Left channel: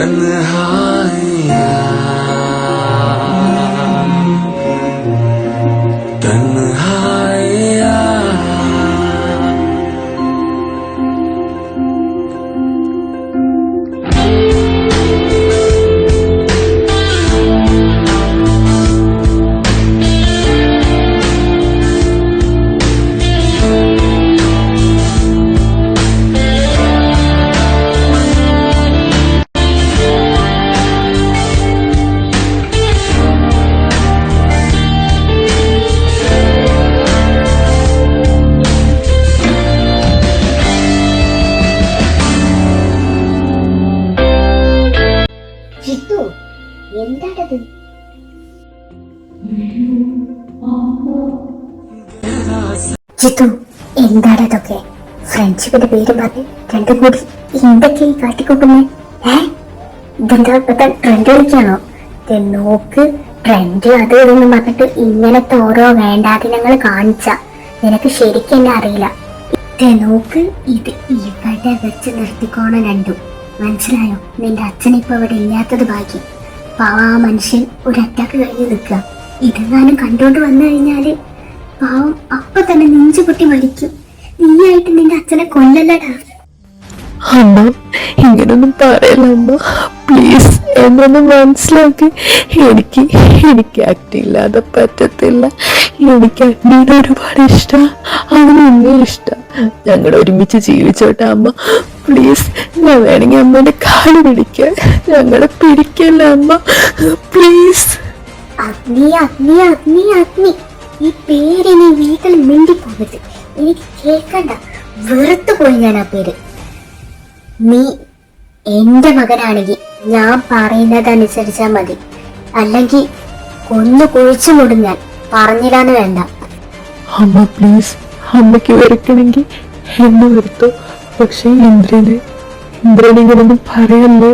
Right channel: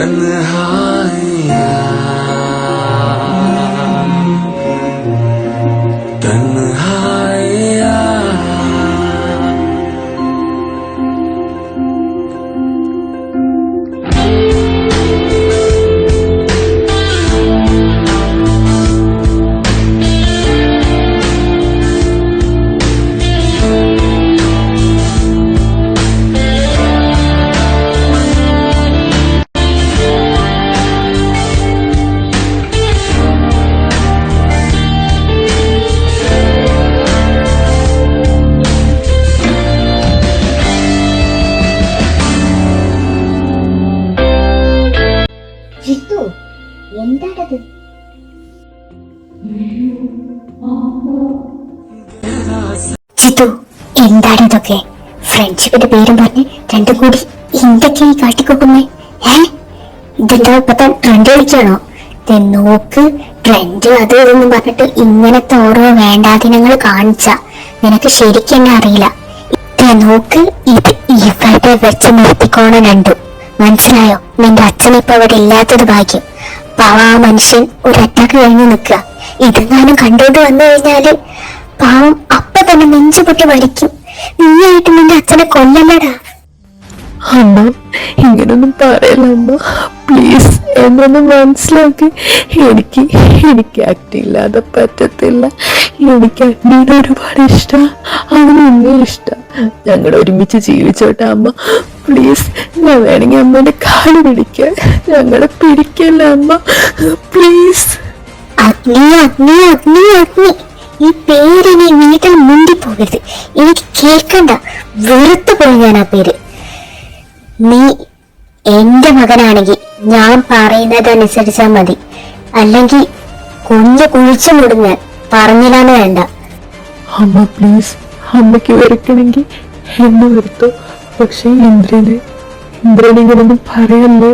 ജിത്തു പേരും പറഞ്ഞ് രണ്ടും കൂടി എന്തൊക്കെയായി കാട്ടിക്കൂട്ടുന്നേ? ഏ? ഇതെന്താ ഇപ്പത്തെ ട്രെൻഡ് കളിക്കാണോ നോക്ക് ട്രെൻഡ് അത് ഇതെന്ന് പറഞ്ഞിട്ട് ഇങ്ങനത്തെ ഓരോ വേണ്ടാദിനങ്ങൾ കാണിച്ച. നിനക്ക് ശരിക്കും എന്നെ അറിയില്ല. നോക്ക് ഇത് ഇവിടെ വെച്ച് നിർത്തിക്കോണം രണ്ടു. മനസ്സിലായോ? നിന്റെ അച്ഛൻ ഇപ്പൊ അവിടെ ഇല്ലാത്തത് ഭാഗ്യം. പാവ ആ മനുഷ്യൻ ഒരു അറ്റാക്ക് കഴിഞ്ഞ് നിൽക്കുക. ഇതെങ്ങാനും കണ്ടോണ്ട് വന്നു കഴിഞ്ഞാൽ പാവം അപ്പൊ തന്നെ നെഞ്ചു പൊട്ടി മരിക്കും. നീയായിട്ട് നിന്റെ അച്ഛനെ കൊല്ലണടാ. അമ്മ ഇങ്ങനൊന്നും പറയല്ല അമ്മ. പ്ലീസ് എന്നൊന്ന് മനസ്സിലാക്കി. എനിക്ക് എനിക്ക് ആക്ട് ഇല്ലാതെ പറ്റത്തില്ല. എനിക്ക് അഗ്നീനെ ഒരുപാട് ഇഷ്ടം. അവന് എന്നെ ഇഷ്ടം. ഞങ്ങൾ ഒരുമിച്ച് ജീവിച്ചോട്ടെ അമ്മ. പ്ലീസ് ഞാൻ വേണമെങ്കിൽ അമ്മേന്റെ കാൽ പിടിക്കാൻ ഞങ്ങളെ പിടിക്കല്ല അമ്മ. പ്ലീസ് അഗ്നി അഗ്നി അഗ്നി അഗ്നി. ഈ പേരിനെ വീട്ടിൽ മുണ്ടി പോകരുത് എനിക്ക് കേൾക്കണ്ട. വെറുത്തു പോയി ഞാൻ ആ പേര്. നീ എന്റെ മകനാണെങ്കിൽ ഞാൻ പറയുന്നതനുസരിച്ചാ മതി. അല്ലെങ്കിൽ കുഞ്ഞു കുഴിച്ചു ഞാൻ. പറഞ്ഞില്ലാന്ന് വേണ്ട. അമ്മ പ്ലീസ് അമ്മയ്ക്ക് വെറുക്കണമെങ്കിൽ എന്നെ വെറുത്തു. പക്ഷെ ഇന്ദ്രനെ ഇന്ദ്രനെ ഇങ്ങനൊന്നും പറയല്ലേ?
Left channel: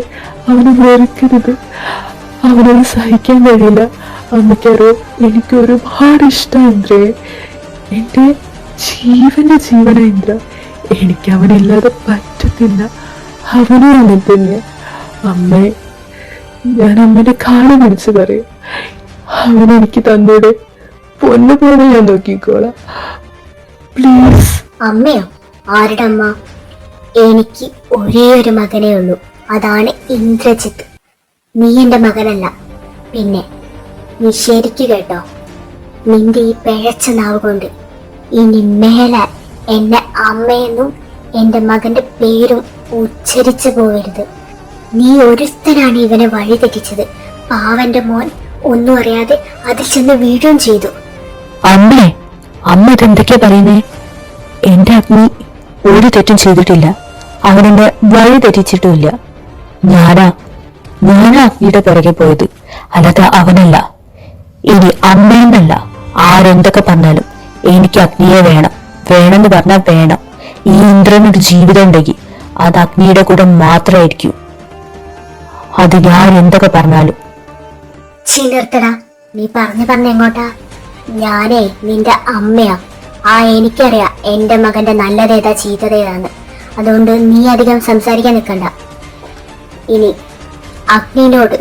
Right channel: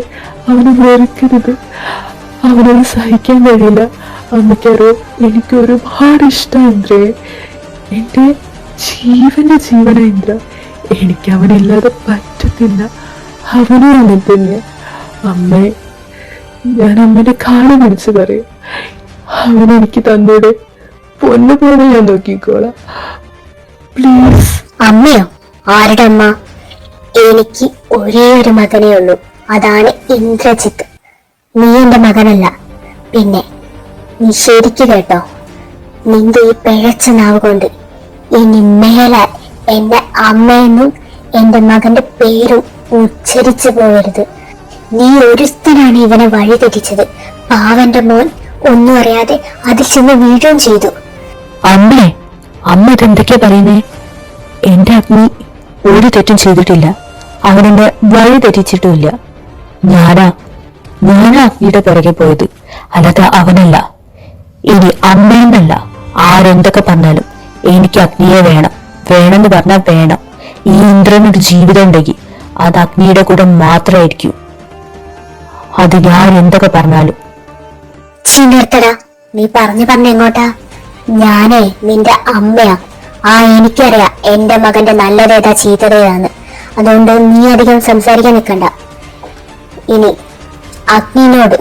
അവന് വെറുക്കരുത്. അവനത് സഹിക്കാൻ കഴിയില്ല. അമ്മയ്ക്കറിയോ എനിക്ക് ഒരുപാട് ഇഷ്ടം ഇന്ദ്രയെ എന്റെ ജീവന്റെ ജീവന ഇന്ദ്ര എനിക്ക് അവനില്ലാതെ പറ്റത്തില്ല. അവനും അങ്ങനെ തന്നെ അമ്മയെ ഞാൻ അമ്മനെ കാണാൻ പിടിച്ച് പറയും. അവനെനിക്ക് തന്നൂടെ പൊന്നു പോലെ ഞാൻ നോക്കിക്കോളാം. പ്ലീസ് അമ്മയോ? ആരുടെ അമ്മ? എനിക്ക് ഒരേ ഒരു മകനേ ഉള്ളൂ. അതാണ് ഇന്ദ്രജിത്ത്. നീ എന്റെ മകനല്ല. പിന്നെ നീ ശരിക്ക് കേട്ടോ. നിന്റെ ഈ പിഴച്ച നാവ് കൊണ്ട് ഇനി മേലാൽ എന്റെ അമ്മയെന്നും എന്റെ മകന്റെ പേരും ഉച്ചരിച്ചു പോകരുത്. നീ ഒരുത്തനാണ് ഇവനെ വഴി തെറ്റിച്ചത്. പാവന്റെ മോൻ ഒന്നും അറിയാതെ അതിൽ ചെന്ന് വീഴുകയും ചെയ്തു. അമ്മേ അമ്മ ഇതെന്തൊക്കെയാ പറയുന്നേ? എന്റെ അഗ്നി ഒരു തെറ്റും ചെയ്തിട്ടില്ല. അവനെന്റെ വഴി തെറ്റിച്ചിട്ടുമില്ല. ഞാനാ ഞാനാ അഗ്നിയുടെ പിറകെ പോയത് അല്ലാതെ അവനല്ല. ഇനി അമ്മയെന്നല്ല ആരെന്തൊക്കെ പറഞ്ഞാലും എനിക്ക് അഗ്നിയെ വേണം. വേണമെന്ന് പറഞ്ഞാൽ വേണം. ഈ ഇന്ദ്രനൊരു ജീവിതം ഉണ്ടെങ്കിൽ അത് അഗ്നിയുടെ കൂടെ മാത്രമായിരിക്കും. അത് ഞാൻ എന്തൊക്കെ പറഞ്ഞാലും. നീ പറഞ്ഞു പറഞ്ഞ എങ്ങോട്ടാ? ഞാനേ നിന്റെ അമ്മയാ. ആ എനിക്കറിയാ എന്റെ മകന്റെ നല്ലതേതാ ചീത്തതേതാന്ന്. അതുകൊണ്ട് നീ അധികം സംസാരിക്കാൻ നിൽക്കണ്ട. ഇനി അഗ്നിനോട്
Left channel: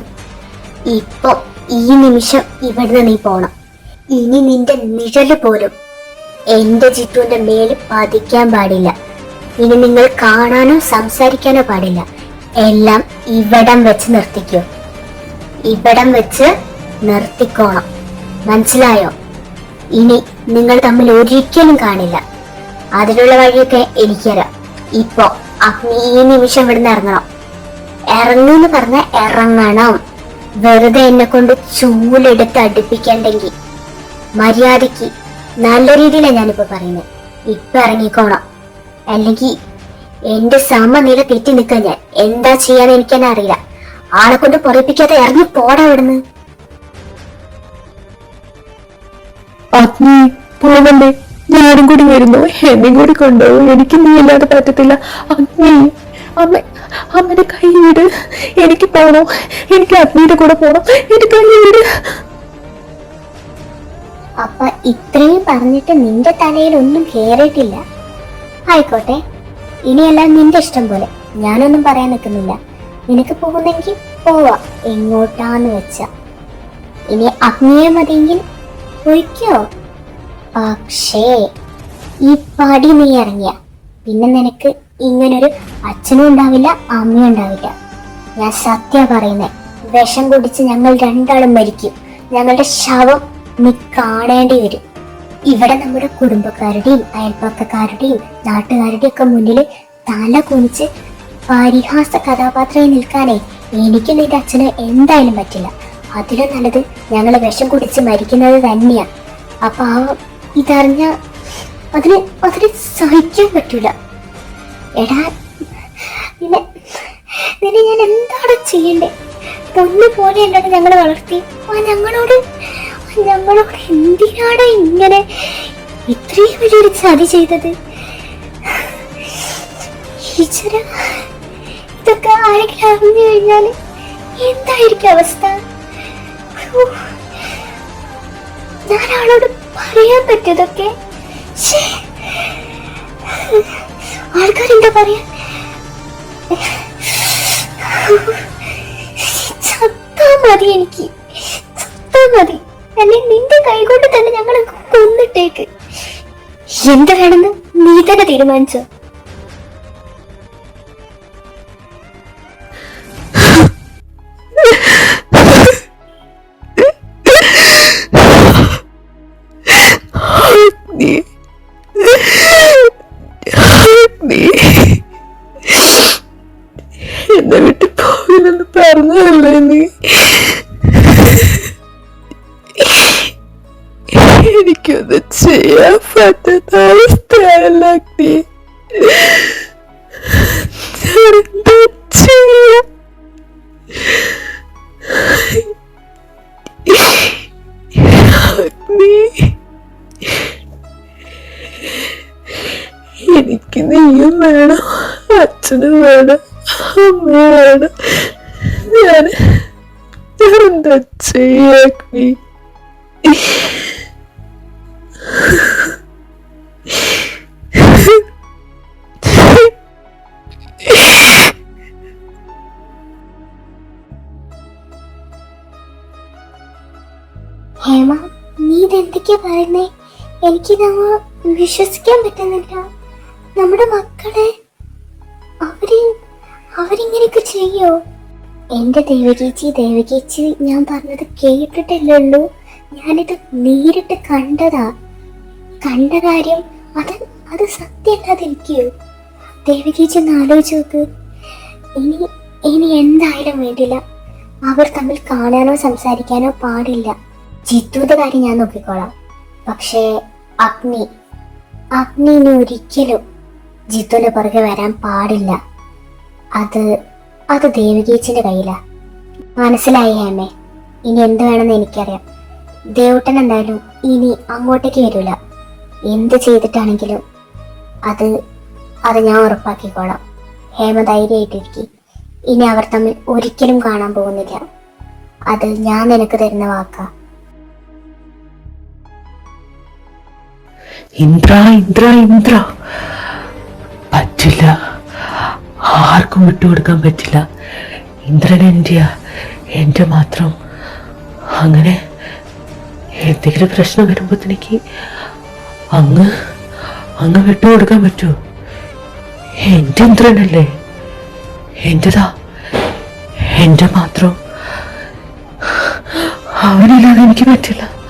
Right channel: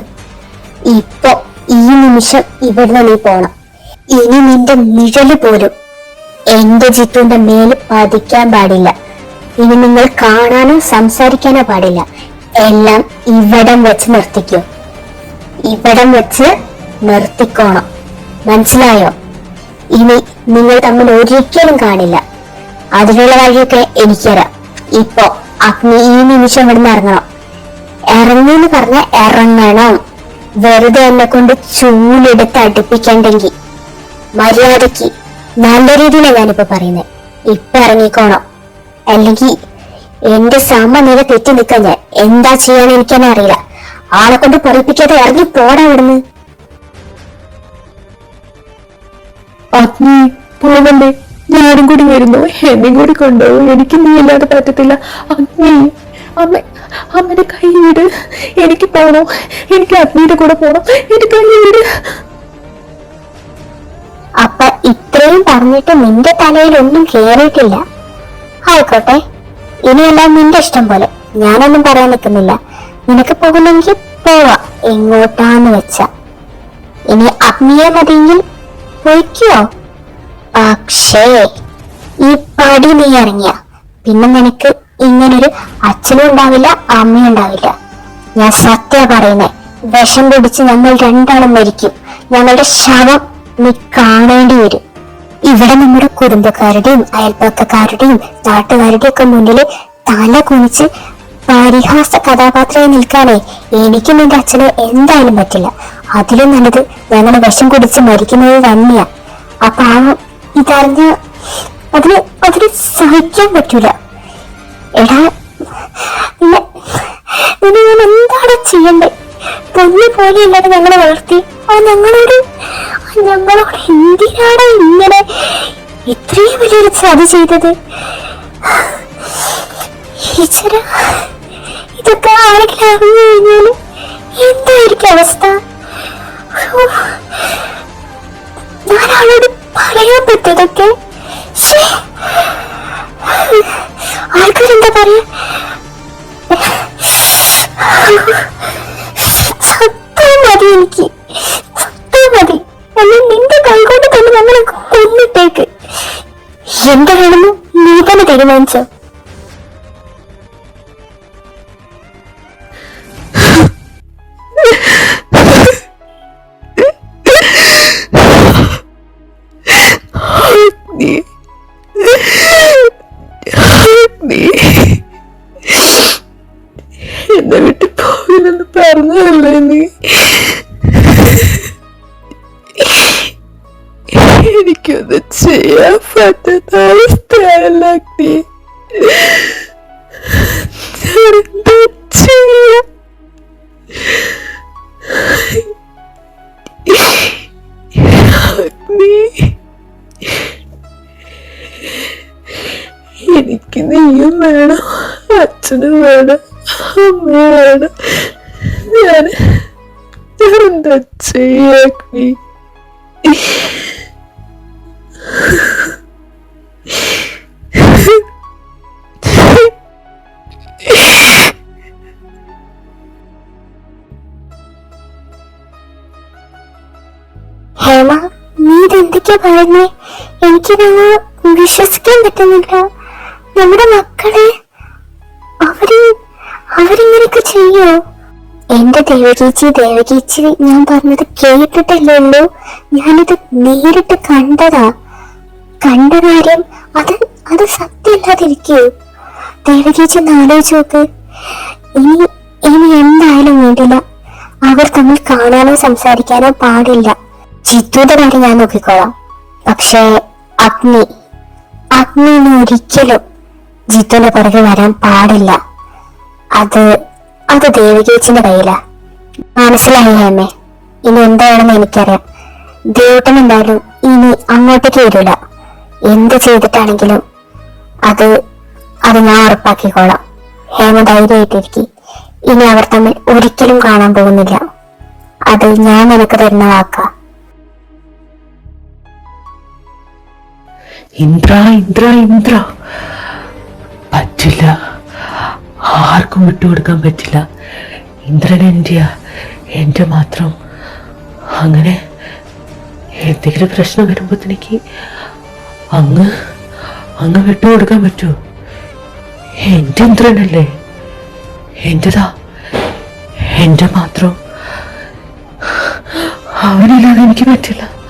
ഇപ്പൊ ഈ നിമിഷം ഇവിടുന്ന് നീ പോണം. ഇനി നിന്റെ നിഴൽ പോലും എന്റെ ജിത്തുവിന്റെ മേൽ പതിക്കാൻ പാടില്ല. ഇനി നിങ്ങൾ കാണാനോ സംസാരിക്കാനോ പാടില്ല. എല്ലാം ഇവിടം വെച്ച് നിർത്തിക്കൂ. ഇവിടം വെച്ച് നിർത്തിക്കോണം. മനസ്സിലായോ? ഇനി നിങ്ങൾ തമ്മിൽ ഒരിക്കലും കാണില്ല. അതിനുള്ള വഴിയൊക്കെ എനിക്കറിയാം. ഇപ്പോ അഗ്നി ഈ നിമിഷം ഇവിടുന്ന് ഇറങ്ങണം. ഇറങ്ങുന്ന് പറഞ്ഞ ഇറങ്ങണം. വെറുതെ എന്നെ കൊണ്ട് ചൂലെടുത്ത് അടുപ്പിക്കണ്ടെങ്കിൽ മര്യാദയ്ക്ക് നല്ല രീതിയിലാണ് ഞാനിപ്പോ പറയുന്നത് ഇപ്പൊ ഇറങ്ങിക്കോണം. അല്ലെങ്കിൽ എന്റെ സമനില തെറ്റി നിൽക്കാൻ ഞാൻ. എന്താ ചെയ്യാന്ന് എനിക്കെന്നെ അറിയില്ല. ആളെ കൊണ്ട് പറയിപ്പിക്കാതെ ഇറങ്ങി പോടാ ഇവിടുന്ന് അഗ്നി പോകണ്ടേ ഞാനും കൂടി വരുന്നു. എന്നെ കൂടി കൊണ്ടുപോകും. എനിക്ക് നീ ഇല്ലാതെ പറ്റത്തില്ല. അഗ്നി. അമ്മ അമ്മയുടെ കൈ വിട്. എനിക്ക് പോണോ? എനിക്ക് അഗ്നിയുടെ കൂടെ പോണം? എന്റെ കൈ വിട്. അപ്പ ഇത്രയും പറഞ്ഞിട്ട് നിന്റെ തലയിൽ ഒന്നും കേറിയിട്ടില്ല. ആയിക്കോട്ടെ. ഇനിയെല്ലാം നിന്റെ ഇഷ്ടം പോലെ. ഞാനൊന്നും പറയാൻ നിൽക്കുന്നില്ല. നിനക്ക് പോകുന്നെങ്കിൽ പോവാ. എങ്ങോട്ടാന്ന് വെച്ച. ഇനി അഗ്നിയെ മതിയെങ്കിൽ പോയിക്കോ പക്ഷേ ഈ പടി നീ ഇറങ്ങിയ. പിന്നെ നിനക്ക് ഇങ്ങനൊരു അച്ഛനും ഉണ്ടാവില്ല അമ്മയും ഉണ്ടാവില്ല. ഞാൻ സത്യ പറയുന്നേ വിഷം പിടിച്ച് ഞങ്ങൾ രണ്ടാളും മരിക്കും. ഞങ്ങളുടെ ശവം നീ കാണേണ്ടി വരും. ഇവിടെ നമ്മുടെ കുടുംബക്കാരുടെയും അയൽപ്പക്കക്കാരുടെയും നാട്ടുകാരുടെയും ഒക്കെ മുന്നിൽ തല കുനിച്ച് പരിഹാസ കഥാപാത്രമായി നിൽക്കാനേ എനിക്കും എന്റെ അച്ഛനെ എന്തായാലും പറ്റില്ല. അതിലും നല്ലത് ഞങ്ങൾ വിഷം കുടിച്ച് മരിക്കുന്നത് തന്നെയാ. ആ ഇതറിഞ്ഞ അതിന് അതിന് സഹിക്കാൻ പറ്റൂല. ഞാൻ എന്താണ് ചെയ്യണ്ടേ? പൊന്നു പോലെയല്ലാതെ ഞങ്ങളെ വളർത്തി. ആ ഞങ്ങളോട് ഞങ്ങളോട് എന്തിനാണ് ഇങ്ങനെ ഇത്രയും വലിയൊരു ചതി ചെയ്തത്? ഇതൊക്കെ ആരെങ്കിലും അറിഞ്ഞു കഴിഞ്ഞാൽ എന്തായിരിക്കും അവസ്ഥ. ഞാൻ അവളോട് പറയാൻ പറ്റതൊക്കെ ആൾക്കാരെന്താ പറയാ? ചത്താ മതി എനിക്ക്. ചത്താ മതി. അല്ലെ നിന്റെ കൈകൊണ്ട് തന്നെ ഞങ്ങളെ കൊന്നിട്ടേക്ക്. എന്താണെന്ന് നീ തന്നെ തീരുമാനിച്ചോ? ചെയ്യാൻ പറ്റാത്ത അവസ്ഥയല്ല നീ ഞാനെന്താ ചെയ്യാ നീ എനിക്ക് നീയും വേണം അച്ഛനും വേണം അമ്മയും വേണം. ഞാൻ എന്താ ചെയ്യാക്കി ഇതെന്തൊക്കെയാ പറഞ്ഞേ എനിക്കിതങ്ങ് വിശ്വസിക്കാൻ പറ്റുന്നില്ല. നമ്മുടെ മക്കളെ അവർ അവരിങ്ങനെയൊക്കെ ചെയ്യോ? എന്റെ ദേവകീച്ചി ദേവകീച്ചി ഞാൻ പറഞ്ഞത് കേട്ടിട്ടല്ലേ ഉള്ളൂ ഞാനിത് നേരിട്ട് കണ്ടതാ. കണ്ട കാര്യം അത് അത് സത്യമല്ലാതിരിക്കൂ. ദേവകീച്ചി നാലോചോക്ക് ഇനി ഇനി എന്തായാലും വേണ്ടില്ല. അവർ തമ്മിൽ കാണാനോ സംസാരിക്കാനോ പാടില്ല. ചിത്തുയുടെ കാര്യം ഞാൻ നോക്കിക്കോളാം. പക്ഷേ അഗ്നി അഗ്നി ഇനി ഒരിക്കലും ജിത്തുവിന്റെ പുറകെ വരാൻ പാടില്ല. അത് അത് ദേവികേച്ചിന്റെ കയ്യിലാ. മനസ്സിലായി അമ്മേ ഇനി എന്താണെന്ന് എനിക്കറിയാം. ദേവട്ടൻ എന്തായാലും ഇനി അങ്ങോട്ടേക്ക് വരില്ല എന്ത് ചെയ്തിട്ടാണെങ്കിലും അത് അത് ഞാൻ ഉറപ്പാക്കിക്കോളാം. ഹേമ ധൈര്യമായിട്ടിരിക്കും. ഇനി അവർ തമ്മിൽ ഒരിക്കലും കാണാൻ പോകുന്നില്ല. അത് ഞാൻ നിനക്ക് തരുന്ന വാക്കാ. ഇന്ദ്ര ഇന്ദ്ര ഇന്ദ്ര. പറ്റില്ല. ആർക്കും വിട്ടുകൊടുക്കാൻ പറ്റില്ല. ഇന്ദ്രൻ എന്റെ എന്റെ മാത്രം. അങ്ങനെ എന്തെങ്കിലും പ്രശ്നം വരുമ്പോഴത്തേക്ക് അങ്ങ് അങ്ങ് വിട്ടുകൊടുക്കാൻ പറ്റുമോ എന്റെ ഇന്ദ്രനല്ലേ? എന്റെതാ എന്റെ മാത്രം. അവനില്ലാതെ എനിക്ക് പറ്റില്ല.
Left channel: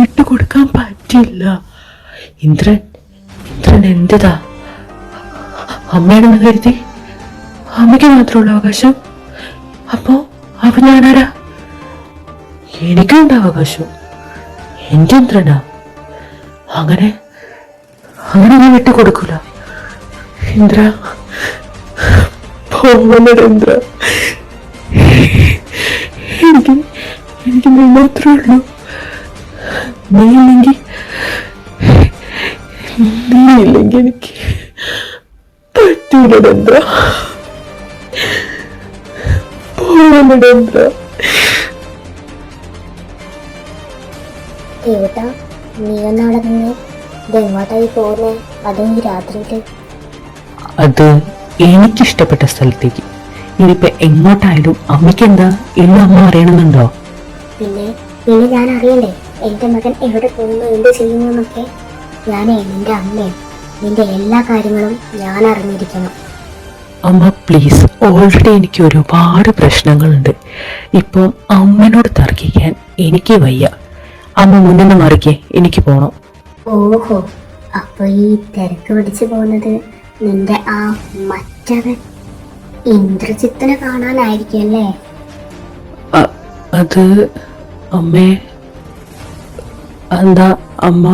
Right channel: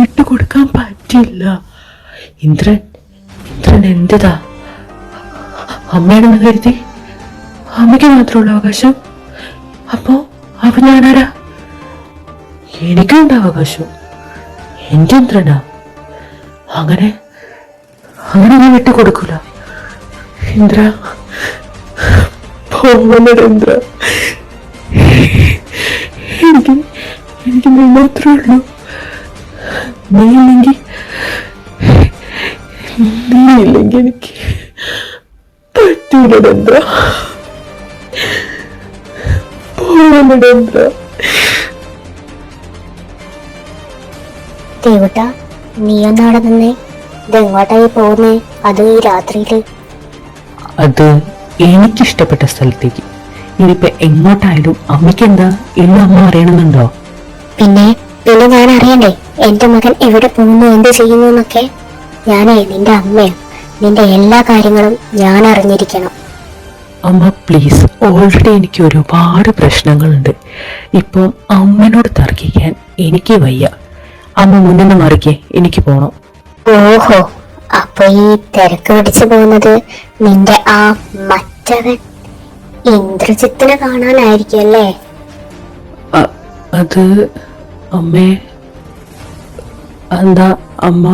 വിട്ടുകൊടുക്കാൻ പറ്റില്ല. ഇന്ദ്രൻ ഇന്ദ്രൻ എന്തിതാ? അമ്മയാണെന്ന് കരുതി? അമ്മയ്ക്ക് മാത്രമുള്ള അവകാശം? അപ്പോ അവ ഞാനാരാ? എനിക്കുണ്ട് അവകാശം. എന്റെ ഇന്ദ്രനാ. അങ്ങനെ അങ്ങനെ ഞാൻ വിട്ടുകൊടുക്കൂല. ഇന്ദ്ര ഇന്ദ്ര. എനിക്ക് എനിക്ക് മാത്രമേ ഉള്ളൂ. നീ ഇല്ലെങ്കിൽ നീ ഇല്ലെങ്കിൽ എനിക്ക് ദേവട്ട നീ ഒന്നവിടെ നിന്നേ. ഇത് എങ്ങോട്ടായി പോകുന്നേ? അത് ഈ രാത്രിയിൽ. അത് എനിക്കിഷ്ടപ്പെട്ട സ്ഥലത്തേക്ക്. ഇനിയിപ്പോ എങ്ങോട്ടായാലും അമ്മയ്ക്ക് എന്താ ഇന്ന് അമ്മ അറിയണമെന്നുണ്ടോ? പിന്നെ പിന്നെ ഞാൻ അറിയണ്ടേ? എന്റെ മകൻ എവിടെ പോകുന്നു? എന്ത് ചെയ്യുന്നു എന്നൊക്കെ? ഞാനേ നിന്റെ അമ്മയാണ് നിന്റെ എല്ലാ കാര്യങ്ങളും ഞാൻ അറിഞ്ഞിരിക്കണം. അമ്മ പ്ലീസ് ഓൾറെഡി എനിക്ക് ഒരുപാട് പ്രശ്നങ്ങളുണ്ട്. ഇപ്പം അമ്മനോട് തർക്കിക്കാൻ എനിക്ക് വയ്യ. അമ്മ മുന്നിൽ മറിക്കേ. എനിക്ക് പോണം. ഓഹോ. അപ്പൊ ഈ തിരക്ക് പിടിച്ചു പോകുന്നത് നിന്റെ ആ മറ്റവൻ ഇന്ദ്രജിത്തിനെ കാണാനായിരിക്കും അല്ലേ? അത് അമ്മേ എന്താ അമ്മ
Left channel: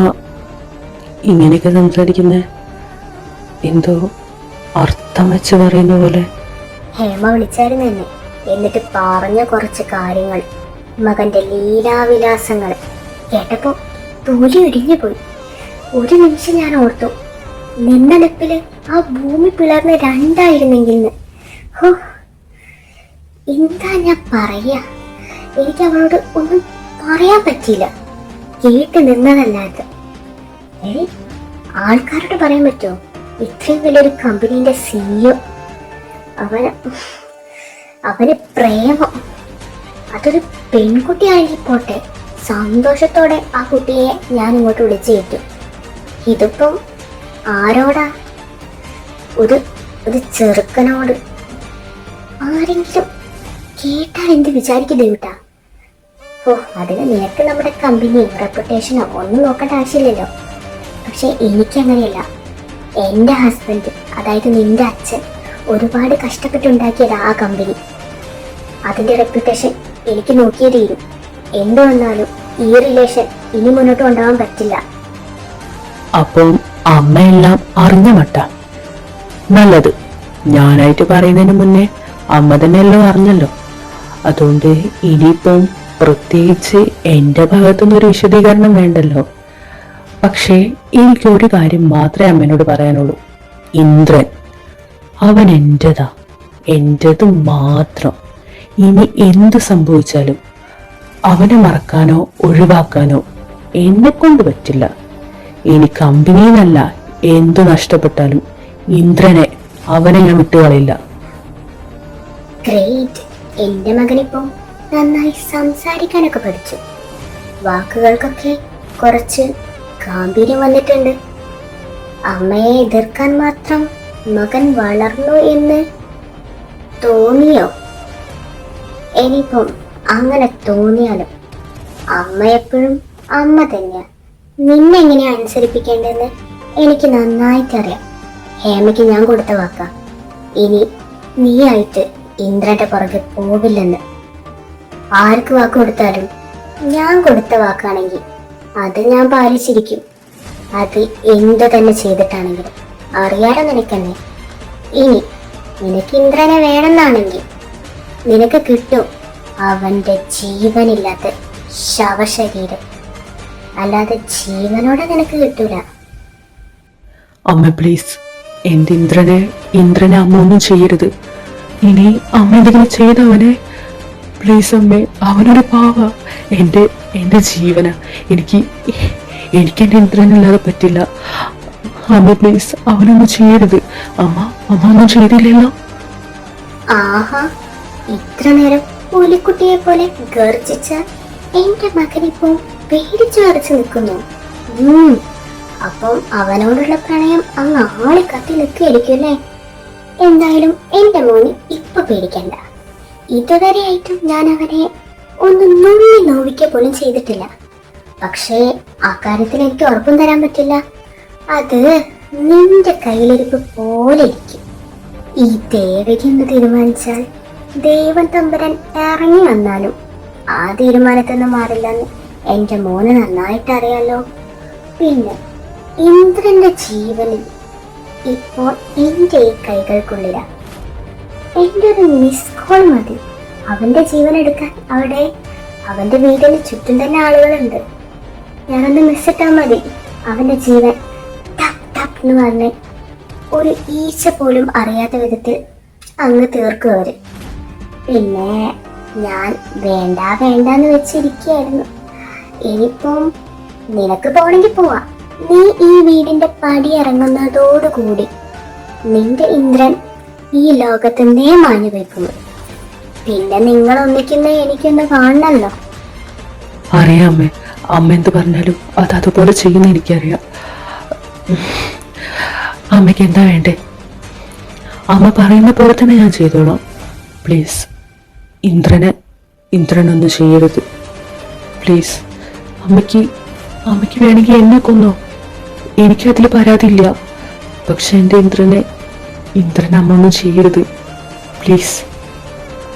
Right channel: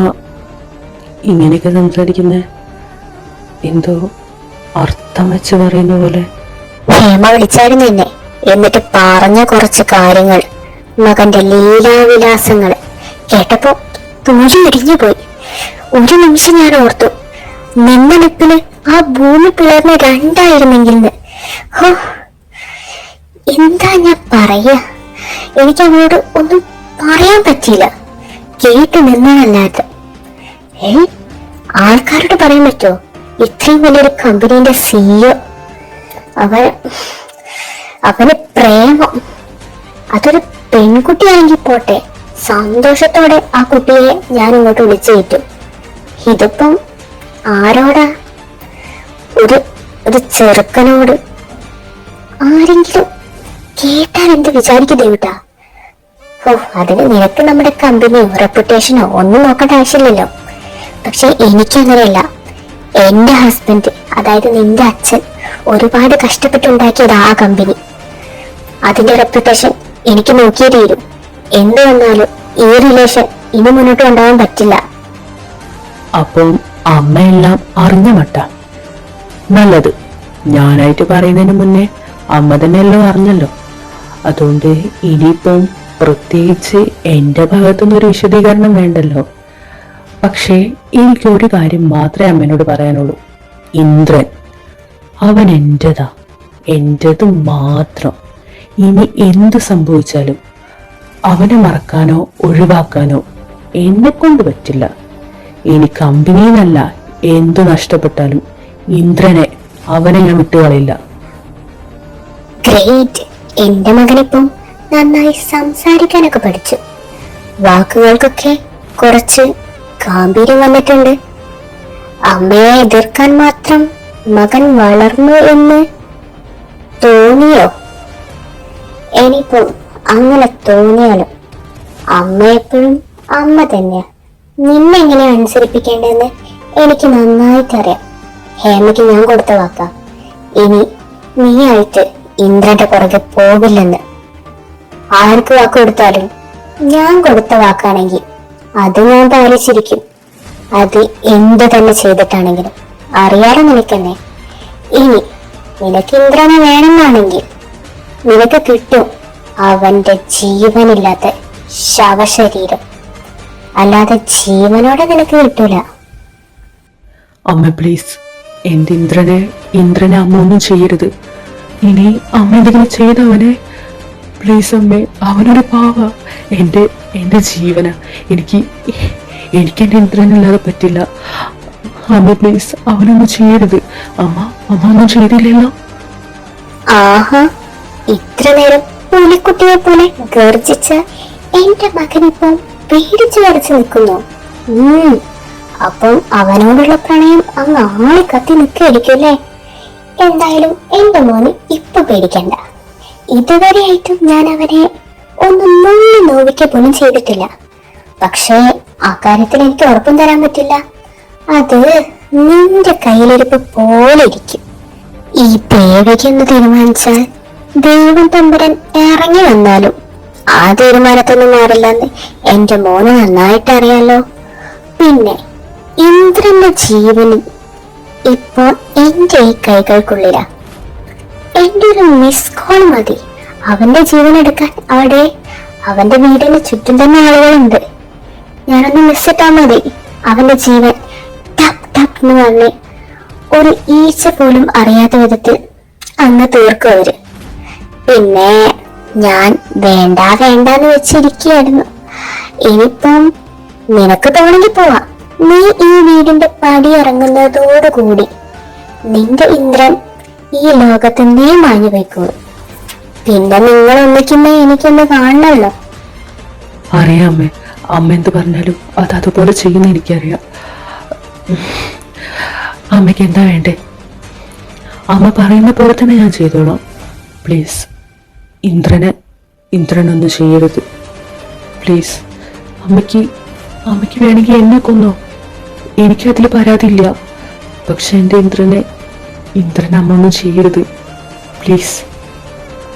ഇങ്ങനെയൊക്കെ സംസാരിക്കുന്നേ? എന്തോ അർത്ഥം വെച്ച് പറയുന്ന പോലെ. ഹേമ വിളിച്ചായിരുന്നു എന്നെ. എന്നിട്ട് പറഞ്ഞ കുറച്ച് കാര്യങ്ങൾ. മകന്റെ ലീലാവിലാസങ്ങൾ. കേട്ടപ്പോ തൂരി ഇടിഞ്ഞു പോയി. ഒരു നിമിഷം ഞാൻ ഓർത്തു. നിന്നലപ്പിൽ ആ ഭൂമി പിളർന്ന രണ്ടായിരുന്നെങ്കിൽ എന്താ ഞാൻ പറയാ എനിക്ക് അവളോട് ഒന്നും പറയാൻ പറ്റിയില്ല. കേട്ട് നിന്നതല്ലാതെ. ഏ? ആൾക്കാരോട് പറയാൻ പറ്റുമോ ഇത്രയും വലിയൊരു കമ്പനീന്റെ സിഇഒ അവൻ അവന് പ്രേമം. അതൊരു പെൺകുട്ടിയാണെങ്കിൽ പോട്ടെ സന്തോഷത്തോടെ ആ കുട്ടിയെ ഞാൻ ഇങ്ങോട്ട് വിളിച്ചു കയറ്റും. ഇതിപ്പം ആരോടാ? ഒരു ഒരു ചെറുക്കനോട്. ആരെങ്കിലും കേട്ടാൽ എന്ത് വിചാരിക്കും ദേവിട്ടാ? ഓ അതിന് നിനക്ക് നമ്മുടെ കമ്പനിയോ റെപ്യൂട്ടേഷനോ ഒന്നും നോക്കേണ്ട ആവശ്യമില്ലല്ലോ. പക്ഷെ എനിക്കങ്ങനെയല്ല എന്റെ ഹസ്ബൻഡ് അതായത് നിന്റെ അച്ഛൻ ഒരുപാട് കഷ്ടപ്പെട്ടുണ്ടാക്കിയത് ആ കമ്പനി അതിന്റെ റെപ്യൂട്ടേഷൻ എനിക്ക് നോക്കിയേ തീരും. എന്ത് വന്നാലും ഈ റിലേഷൻ ഇനി മുന്നോട്ട് കൊണ്ടുപോകാൻ പറ്റില്ല. അപ്പം അമ്മയെല്ലാം അറിഞ്ഞ മട്ട? നല്ലത്. ഞാനായിട്ട് പറയുന്നതിന് മുന്നേ അമ്മ തന്നെ എല്ലാം അറിഞ്ഞല്ലോ. അതുകൊണ്ട് ഇനിയിപ്പം പ്രത്യേകിച്ച് എന്റെ ഭാഗത്തുനിന്ന് ഒരു വിശദീകരണം വേണ്ടല്ലോ. പക്ഷേ എനിക്കൊരു കാര്യം മാത്രമേ അമ്മേനോട് പറയാനുള്ളൂ. ഇന്ദ്രൻ അവൻ എന്റെതാ എന്റെത് മാത്രം. ഇനി എന്ത് സംഭവിച്ചാലും അവനെ മറക്കാനോ ഒഴിവാക്കാനോ എന്നെ കൊണ്ട് പറ്റില്ല. ഇനി കമ്പനിന്നല്ല എന്തു നഷ്ടപ്പെട്ടാലും ഇന്ദ്രനെ അവനെ ഞാൻ വിട്ടുകളയില്ല. ഗ്രേറ്റ് എന്റെ മകനിപ്പം നന്നായി സംസാരിക്കാനൊക്കെ പഠിച്ചു. വാക്കുകൾക്കൊക്കെ കുറച്ച് ഗാംഭീര്യം വന്നിട്ടുണ്ട്. അമ്മയെ എതിർക്കാൻ മാത്രം മകൻ വളർന്നു എന്ന് തോന്നിയോ? എനിപ്പോ അങ്ങനെ തോന്നിയാലും അമ്മ എപ്പോഴും അമ്മ തന്നെയാ. നിന്നെ എങ്ങനെ അനുസരിപ്പിക്കേണ്ടതെന്ന് എനിക്ക് നന്നായിട്ടറിയാം. ഹേമയ്ക്ക് ഞാൻ കൊടുത്ത വാക്കാം. ഇനി നീയായിട്ട് ഇന്ദ്രന്റെ പുറകെ പോകില്ലെന്ന് ആർക്ക് വാക്ക് കൊടുത്താലും ഞാൻ കൊടുത്ത വാക്കാണെങ്കിൽ അത് ഞാൻ പാലിച്ചിരിക്കും. അത് എന്ത് തന്നെ ചെയ്തിട്ടാണെങ്കിലും അറിയാലോ നിനക്കെന്നെ. ഇനി നിനക്ക് ഇന്ദ്രനെ വേണമെന്നാണെങ്കിൽ നിനക്ക് കിട്ടും അവന്റെ ജീവനില്ലാത്ത ശവശരീരം. അല്ലാതെ ജീവനോടെ നിനക്ക് കിട്ടൂല. അമ്മ പ്ലീസ് എന്റെ ഇന്ദ്രനെ ഇന്ദ്രനെ അമ്മ ഒന്നും ചെയ്യരുത്. ഇനി അമ്മ എന്തെങ്കിലും ചെയ്തവനെ പ്ലീസ് അമ്മേ അവനൊരു പാവ. എന്റെ എന്റെ ജീവന എനിക്ക് എനിക്ക് എന്റെ ഇന്ദ്രനില്ലാതെ പറ്റില്ല. അമ്മ പ്ലീസ് അവനൊന്നും ചെയ്യരുത്. അമ്മ അമ്മ ഒന്നും ചെയ്തില്ലല്ലോ. ആഹാ ഇത്ര നേരം പുലിക്കുട്ടിയെ പോലെ ഗർജിച്ച എന്റെ മകൻ ഇപ്പോൾ പേടിച്ചു വരച്ചു നിൽക്കുന്നു. അപ്പം അവനോടുള്ള പ്രണയം അങ്ങ് ആറി കത്തി നിൽക്കായിരിക്കുമല്ലേ എന്തായാലും എന്റെ മോന് ഇപ്പൊ പേടിക്കണ്ട. ഇതുവരെയായിട്ടും ഞാൻ അവനെ ഒന്ന് നുള്ളി നോവിക്ക പോലും ചെയ്തിട്ടില്ല. പക്ഷേ അക്കാര്യത്തിൽ എനിക്ക് ഉറപ്പും തരാൻ പറ്റില്ല. അത് നിന്റെ കയ്യിലിരിപ്പ് പോലെ ഇരിക്കും. ഈ ദേവികയെന്ന് തീരുമാനിച്ചാൽ ദൈവം തമ്പരൻ ഇറങ്ങി വന്നാലും ആ തീരുമാനത്തൊന്നും മാറില്ലെന്ന് എന്റെ മോന് നന്നായിട്ട് അറിയാലോ. പിന്നെ ഇന്ദ്രന്റെ ജീവനും ഇപ്പോൾ എന്റെ ഈ കൈകൾക്കുള്ളിലാ. ഒരു മിസ് കോൾ മതി. അവന്റെ ജീവൻ എടുക്കാൻ അവിടെ അവന്റെ വീടിന് ചുറ്റും തന്നെ ആളുകളുണ്ട്. ഞാനൊന്ന് മിസ്സിട്ടാ മതി. അവന്റെ ജീവൻ ടപ് ടപ് എന്ന് പറഞ്ഞ് ഒരു ഈച്ച പോലും അറിയാത്ത വിധത്തിൽ അങ്ങ് തീർക്കും അവർ. പിന്നെ ഞാൻ വേണ്ട വേണ്ട എന്ന് വെച്ചിരിക്കുകയായിരുന്നു. ഇനിയിപ്പം നിനക്ക് തോണെങ്കിൽ പോവാം. നീ ഈ വീടിന്റെ പടി ഇറങ്ങുന്നതോടുകൂടി നിന്റെ ഇന്ദ്രൻ ഈ ലോകത്തിന്നേ മാഞ്ഞു വയ്ക്കുന്നു പിന്നെ നിങ്ങൾ ഒന്നിക്കുമ്പോ എനിക്കൊന്ന് കാണണല്ലോ അറിയാം അമ്മേ. അമ്മ എന്ത് പറഞ്ഞാലും അത് അതുപോലെ ചെയ്യുന്ന എനിക്കറിയാം. അമ്മയ്ക്ക് എന്താ വേണ്ടേ? അമ്മ പറയുന്ന പോലെ തന്നെ ഞാൻ ചെയ്തോളാം. പ്ലീസ് ഇന്ദ്രനെ ഇന്ദ്രനൊന്നും ചെയ്യരുത്. പ്ലീസ് അമ്മയ്ക്ക് അമ്മയ്ക്ക് വേണമെങ്കിൽ എന്നെ കൊന്നോ. എനിക്കതിൽ പരാതിയില്ല. പക്ഷെ എന്റെ ഇന്ദ്രനെ ഇന്ദ്രൻ അമ്മ ഒന്നും ചെയ്യരുത്. പ്ലീസ്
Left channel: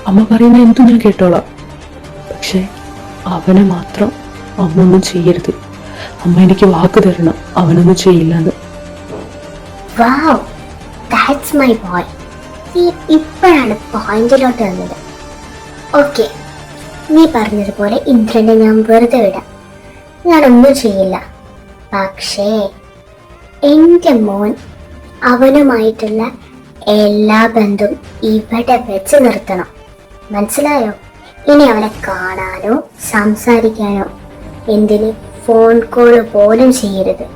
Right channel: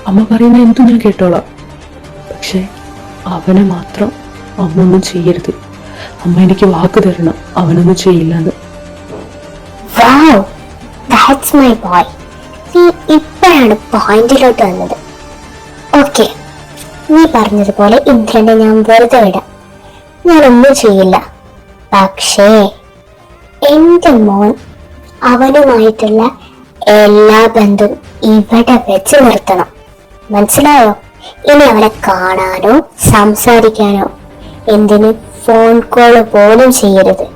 അമ്മ പറയുന്ന എന്തും ഞാൻ കേട്ടോളാം. പക്ഷെ അവനെ മാത്രം അമ്മ ഒന്നും ചെയ്യരുത്. അമ്മ എനിക്ക് വാക്ക് തരണം. അവനൊന്നും ചെയ്യില്ല എന്ന് പോയിന്റിലോട്ട് വന്നത്. ഓക്കെ നീ പറഞ്ഞതുപോലെ ഇന്ദ്രനെ ഞാൻ വെറുതെ വിടാം. ഞാനൊന്നും ചെയ്യില്ല. പക്ഷേ എന്റെ മോൻ അവനുമായിട്ടുള്ള എല്ലാ ബന്ധും ഇവിടെ വെച്ച് നിർത്തണം. മനസ്സിലായോ? ഇനി അവനെ കാണാനോ സംസാരിക്കാനോ എന്തിന് ഫോൺ കോൾ പോലും ചെയ്യരുത്.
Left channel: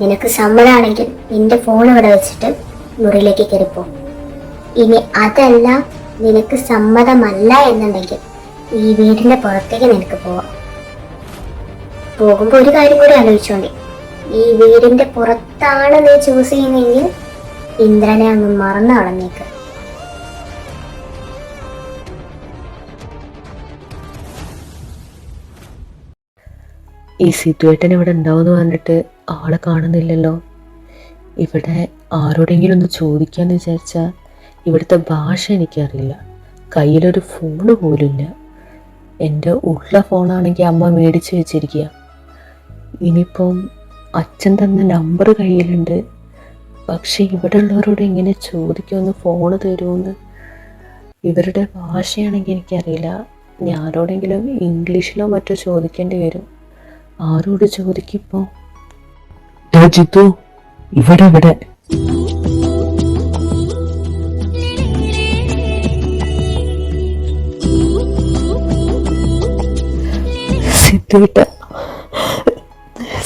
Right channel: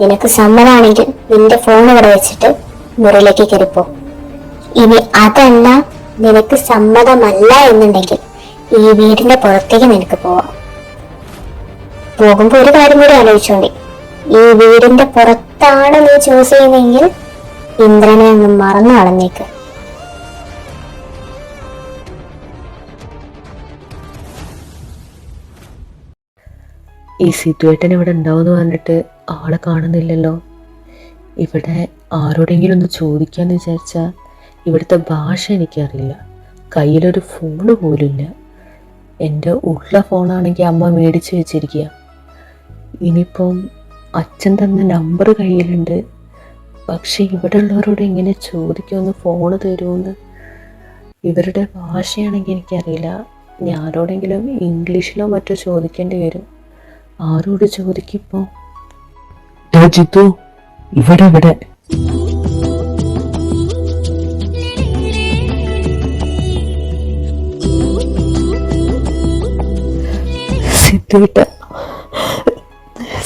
നിനക്ക് സമ്മതാണെങ്കിൽ നിന്റെ ഫോൺ ഇവിടെ വെച്ചിട്ട് മുറിയിലേക്ക് കയറിപ്പോ. ഇനി അതല്ല നിനക്ക് സമ്മതമല്ല എന്നുണ്ടെങ്കിൽ ഈ വീടിന്റെ പുറത്തേക്ക് നിനക്ക് പോവാം. പോകുമ്പോ ഒരു കാര്യം കൂടി ആലോചിച്ചോണ്ടി. ഈ വീടിന്റെ പുറത്താണ് നീ ചൂസ് ചെയ്യുന്നതെങ്കിൽ ഇന്ദ്രനെ അങ്ങ് മറന്നു കളഞ്ഞേക്ക്. ഈ സിറ്റുവേറ്റൻ ഇവിടെ ഉണ്ടാവുമെന്ന് പറഞ്ഞിട്ട് ആളെ കാണുന്നില്ലല്ലോ. ഇവിടെ ആരോടെങ്കിലും ഒന്ന് ചോദിക്കാന്ന് വിചാരിച്ചാൽ ഇവിടുത്തെ ഭാഷ എനിക്കറിയില്ല. കയ്യിലൊരു ഫോണ് പോലുമില്ല എന്റെ ഉള്ള ഫോണാണെങ്കിൽ അമ്മ മേടിച്ച് വെച്ചിരിക്കുക ഇനിയിപ്പം അച്ഛൻ തന്ന നമ്പർ കയ്യിലുണ്ട്. പക്ഷെ ഇവിടെ ഉള്ളവരോട് എങ്ങനെ ചോദിക്കുമെന്ന് ഫോണ് തരുമെന്ന് ഇവരുടെ ഭാഷയാണെങ്കിൽ എനിക്കറിയില്ല. ഞാനോടെങ്കിലും ഇംഗ്ലീഷിലോ മറ്റോ ചോദിക്കേണ്ടി വരും. ആരോട് ചോദിക്കിപ്പോ? ജിത്തു ഇവിടെ ഇവിടെ.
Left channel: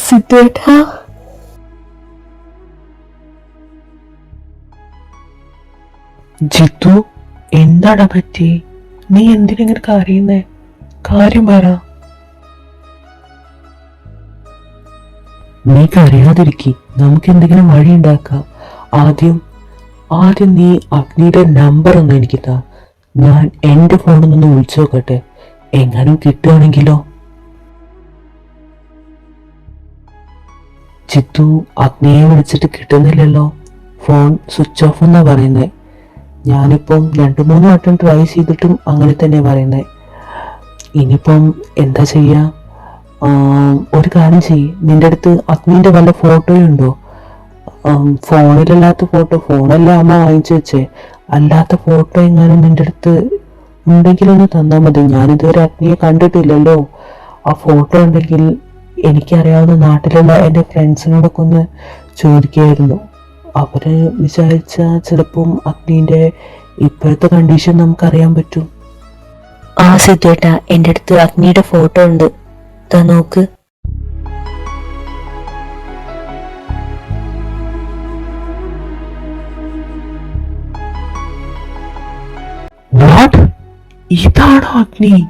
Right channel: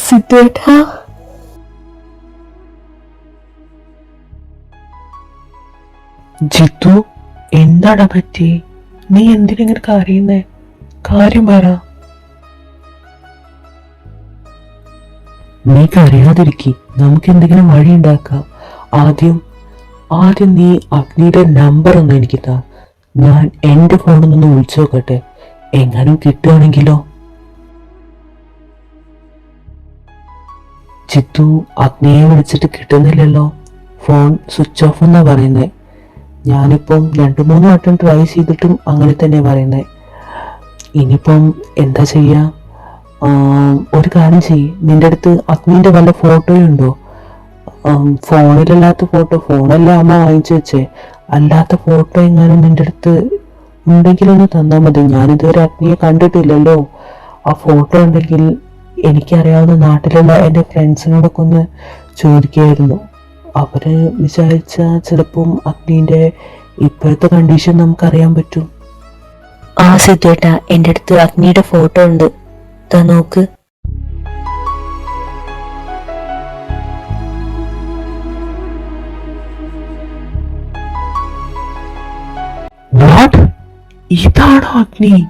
സിദ്ധുവേട്ട. ജിത്തു എന്താടാ പറ്റി? നീ എന്തിനെങ്ങനെ കരയുന്നേ? കാര്യം പറ. നീ കരയാതിരിക്കി നമുക്ക് എന്തെങ്കിലും വഴി ഉണ്ടാക്കാം. ആദ്യം ആദ്യം നീ അഗ്നിയുടെ നമ്പർ ഒന്ന് എനിക്ക് താ. ഞാൻ എന്റെ ഫോണിൽ നിന്ന് വിളിച്ചു നോക്കട്ടെ. എങ്ങാനും കിട്ടുകയാണെങ്കിലോ ചിത്തു അഗ്നിയെ വിളിച്ചിട്ട് കിട്ടുന്നില്ലല്ലോ. ഫോൺ സ്വിച്ച് ഓഫ് എന്നാ പറയുന്നത് ഞാനിപ്പം രണ്ട് മൂന്ന് വട്ടം ട്രൈ ചെയ്തിട്ടും അങ്ങനെ തന്നെ പറയുന്നത് ഇനിയിപ്പം എന്താ ചെയ്യാ? ഒരു കാര്യം ചെയ്യ്. നിന്റെ അടുത്ത് അഗ്നിന്റെ വല്ല ഫോട്ടോയും ഉണ്ടോ? ഫോണിലല്ലാത്ത ഫോട്ടോ ഫോണെല്ലാം അമ്മ വാങ്ങിച്ചു വെച്ചേ. അല്ലാത്ത ഫോട്ടോ എങ്ങാനും നിന്റെ അടുത്ത് ഉണ്ടെങ്കിലൊന്ന് തന്നാൽ മതി. ഞാനിതുവരെ അഗ്നിയെ കണ്ടിട്ടില്ലല്ലോ. ആ ഫോട്ടോ ഉണ്ടെങ്കിൽ എനിക്കറിയാവുന്ന നാട്ടിലുള്ള എന്റെ ഫ്രണ്ട്സിനോടൊക്കെ ഒന്ന് ചോദിക്കായിരുന്നു. അവർ വിചാരിച്ച ചിലപ്പം അഗ്നിന്റെ ഇപ്പോഴത്തെ കണ്ടീഷൻ നമുക്കറിയാൻ പറ്റും. ആ സിദ്ധേട്ട എന്റെ അടുത്ത് അഗ്നിയുടെ ഫോട്ടോ ഉണ്ട്. താ നോക്ക്. വാട്ട് ഇതാണോ അഗ്നി?